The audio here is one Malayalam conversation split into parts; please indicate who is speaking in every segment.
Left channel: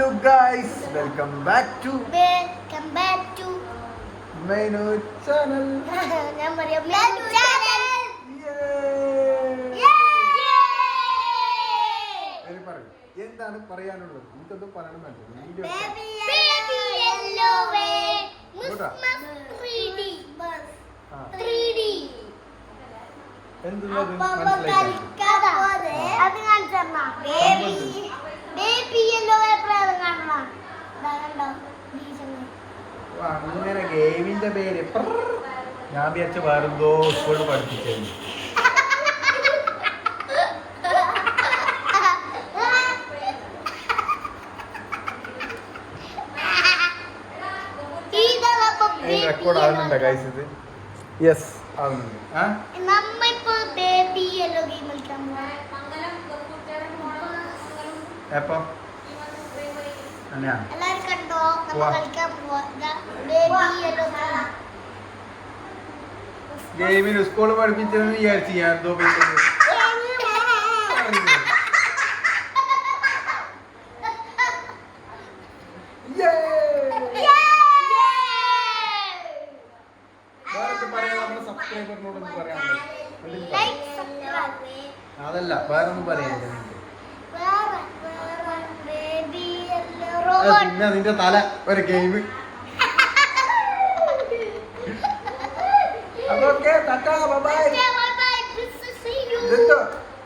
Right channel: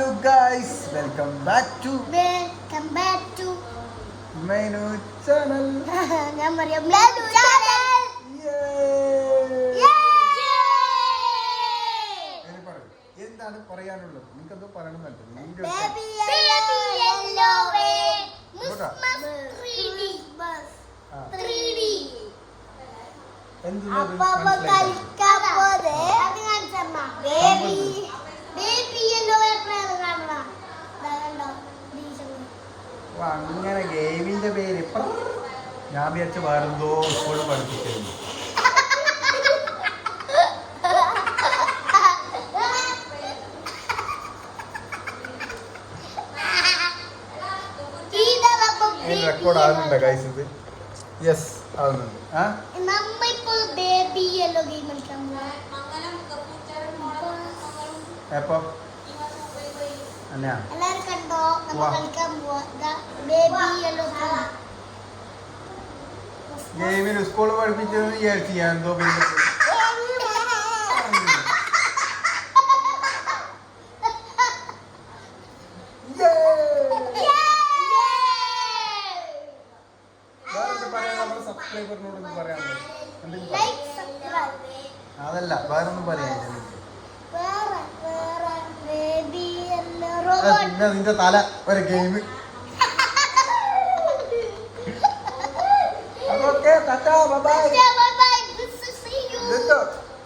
Speaker 1: Hello guys welcome back to
Speaker 2: welcome back to
Speaker 1: menu channel
Speaker 2: ഞാൻ പറയാം മെനു ചാനൽ
Speaker 1: എന്താണ് പറയാനുള്ളത്? നിങ്ങൾക്ക് എന്തോ പറയണമെന്നുണ്ട് വീഡിയോ
Speaker 2: ബേബി അപ്പൊ
Speaker 1: അങ്ങനെ ഗെയിമിന്റെ പേര്. ഞാൻ വിചാരിച്ച വേറെന്തോ സ്കൂളിൽ പഠിപ്പിക്കുന്നു. റെക്കോർഡ് ഗൈസ് ഇത്? യെസ് ആവുന്നുണ്ട്. ആ? എപ്പോ?
Speaker 2: എല്ലാരും കണ്ടോ? കളിക്കാൻ പോവാ.
Speaker 1: ഗെയിമിൽ സ്കൂളിൽ പഠിപ്പിച്ചതെന്ന് വിചാരിച്ചു ഞാൻ എന്തോ അതല്ല വേറൊന്നും പറയാൻ
Speaker 2: നമ്മുടെ
Speaker 1: പിന്നെ നിന്റെ തല ഒരു ഗെയിം. അതൊക്കെ ടാറ്റാ ബൈ
Speaker 2: ബൈ
Speaker 1: ഇതെന്തോ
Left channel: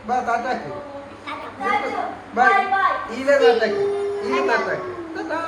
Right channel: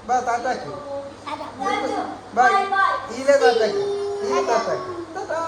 Speaker 1: ബാ താറ്റാക്ക് ബൈ ഈല താറ്റാക്ക് ഈല താറ്റാക്ക് ടാറ്റാ.